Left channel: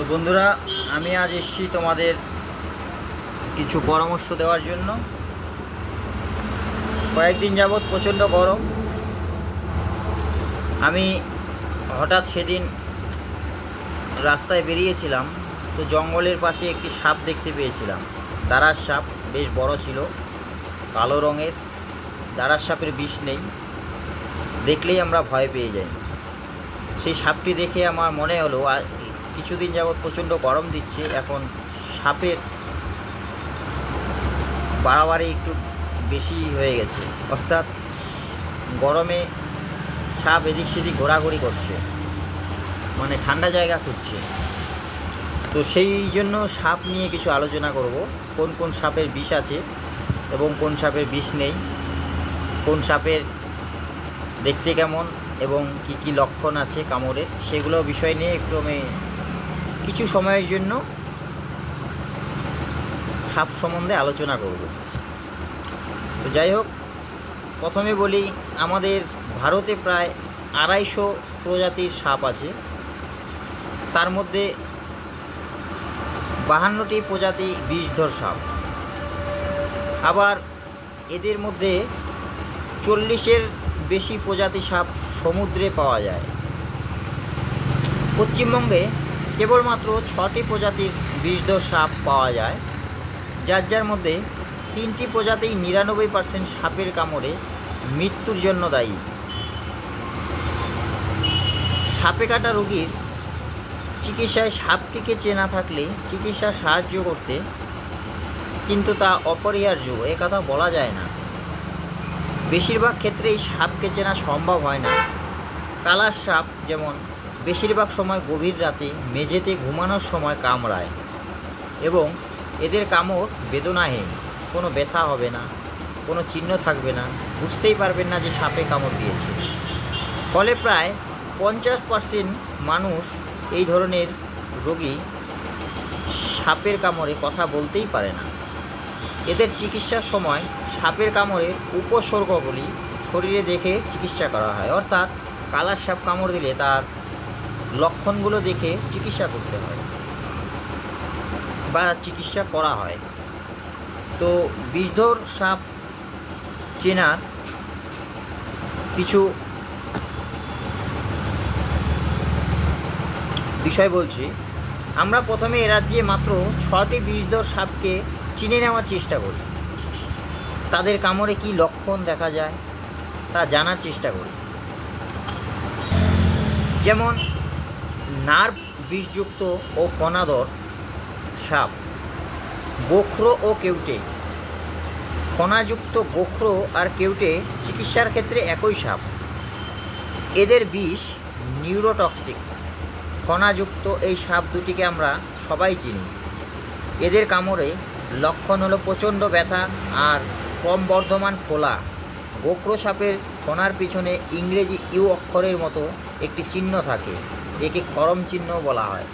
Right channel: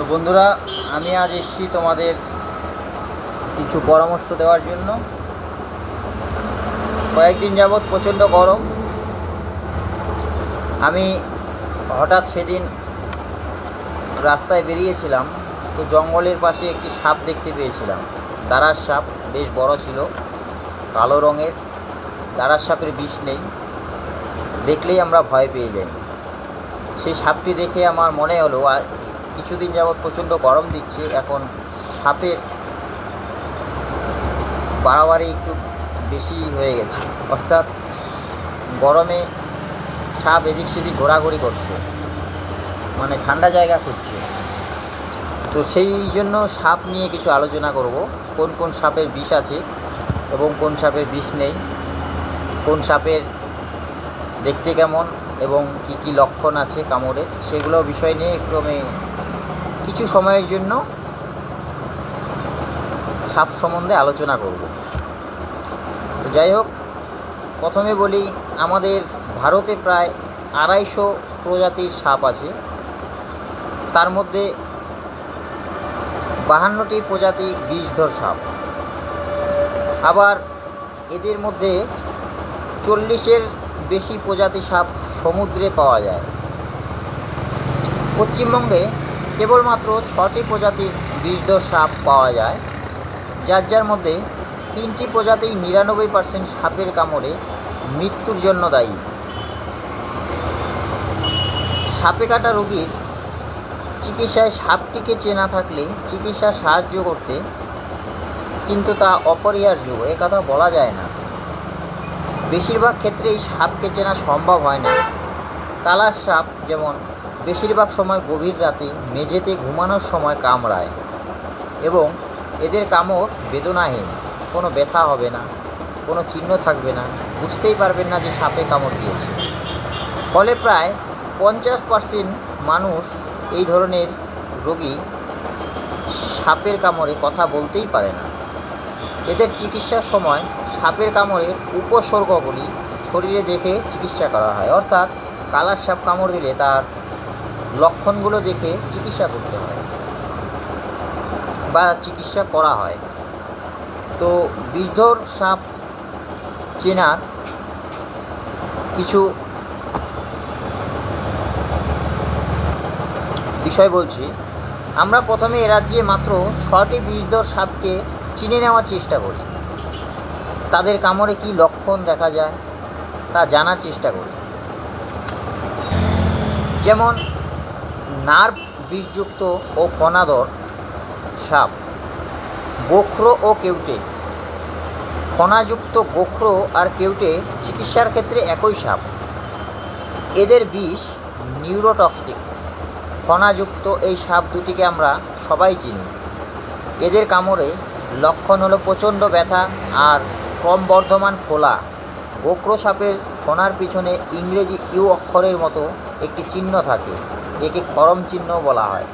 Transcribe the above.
তো বন্ধুরা, আমি আজ এসেছি তোমাদের কিছু পরামর্শ দেওয়ার জন্য। কয়েকদিন যাবৎ প্রচণ্ড গরম। আমি হঠাৎ সেদিন রাস্তায় বেরিয়েছিলাম, তো জঙ্গলের পাশে একটি সাপ দেখতে পেয়েছিলাম। দাঁড়ার সাপ, বেশ বড় ছিল, কালো রঙের। দাঁড়ার সাপের বিষ নেই, দেখলেই আমরা ভয় পেয়ে যাই। সেই সাপটি দেখে আমার মনে হলো কিছুদিন যাবৎ প্রচণ্ড গরম দিচ্ছে, এখন সাপের বাড়াবাড়ি একটু বেশি হয়ে গেছে, অর্থাৎ গরমে সাপ এদিক সেদিক ঘোরাঘুরি করছে, মানে ঠান্ডা জায়গা খুঁজছে। তো সেই জন্য সাপ নিয়ে কিছু আলোচনা করব। কোন কোন সাপের বিষ আছে এবং কোন সাপের বিষ নেই, কোন সাপের দেখতে কেমন এবং কি কি লক্ষণ আছে কামড়ের, সেগুলো বিষয় নিয়ে একটু আমি কিছু সময়ের জন্য সাপ সম্বন্ধে আলোচনা করব। তো যাই হোক, প্রথমে বলি, আমাদের ভারতে প্রায় 250 প্রজাতির সাপ আছে। তার মধ্যে 52টি প্রজাতি বিষধর সাপ। আবার এদের মধ্যে 40-এর বেশি প্রজাতি সাপ সমুদ্রে পাওয়া যায়। পশ্চিমবঙ্গে কেবলমাত্র 6টি প্রজাতির বিষধর সাপ পাওয়া যায়, যার মধ্যে 3টি প্রজাতি 99% সাপের কামড়ে মৃত্যুর জন্য দায়ী। সাপে কাটা রোগীর চিকিৎসায় সাপটিকে চেনা থাকলে চিকিৎসা সাহায্য করতে, কিন্তু তা অপরিহার্য, এ কথা বলা যায় না। বেশিরভাগ ক্ষেত্রেই সাপকে চেনা সম্ভব হয় না। কালার সাপ যেমন বেশিরভাগ সময় গভীর রাতে মেঝেতে ঘুমানোর সময় কামড়ায় এবং এদের কামড় বেদনাহীন, কোনো ব্যথা হবে না, কোনো চিহ্ন থাকবে না, বুঝতেই পারবেন না যে সাপে কামড় দিয়েছে। ফলে প্রায় 50% মানুষ এই ধরনের রোগী সাপের কামড়ে কথা বলতেই পারে না। এদের চিকিৎসার সময় সাপের কামড়ের উপসর্গগুলি শরীরে দেখে চিকিৎসা করা হয়, অর্থাৎ কালার সাপ কামড় দিলে তার লক্ষণগুলো দেখে চিকিৎসা করতে হয় বা চিকিৎসা করা হয়। তো বিষধর সাপ চেনার কিছু বিষয় বলছি। আমরা প্রথমে এ রাজ্যে মাত্র 6টি বিষধর সাপকে চিনে নেওয়ার চেষ্টা করি। তাদের কামড়ে কী লক্ষণ দেখা যায় তা জানার চেষ্টা করি। যেমন নার্ভ বিষযুক্ত ও ফণাধর সাপ, গোখরো ও কেউটে। ফণাযুক্ত গোখরো আর কেউটে চিকিৎসার ক্ষেত্রে একই সাপ। এদের বিষ নিউরোটক্সিক। ফণাযুক্ত এই সাপ দুটিকে আমরা সবাই চিনি। এদের কামড়ে লক্ষণ হলো প্রচণ্ড ব্যথা আর ক্রমবর্ধমান ফোলা। গোখরো সাপের ফণার পিছনে ইংরেজি ইউ অক্ষরের মতো একটি চিহ্ন থাকে, একে খরম চিহ্ন বলা হয়।